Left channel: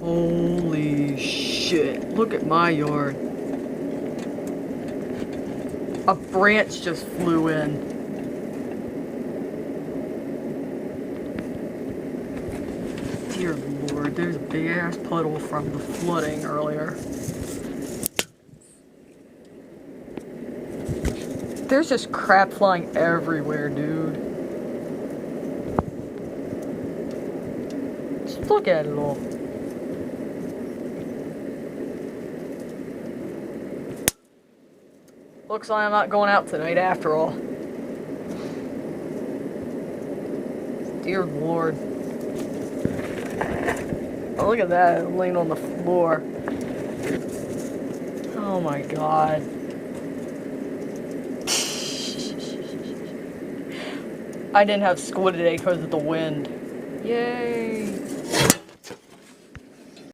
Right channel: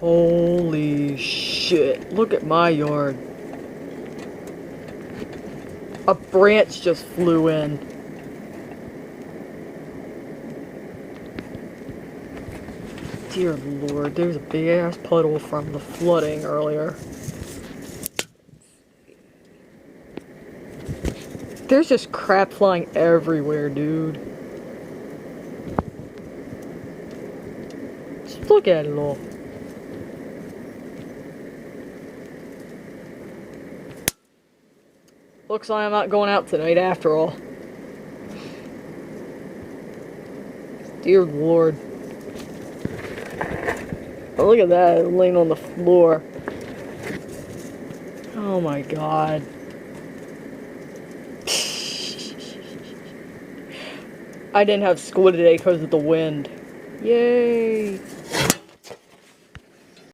Holy shit, look at my yard. A branch just flew in. Dear Lord, there's a big ass puddle from the flooding earlier. There's just crap flying everywhere, dude. Just look at it all. Looks like I'm not going out tonight after all. Dear Lord. Oh, look at that, laying on the floor. Oh my god. I didn't have school today because of the wind. Yay!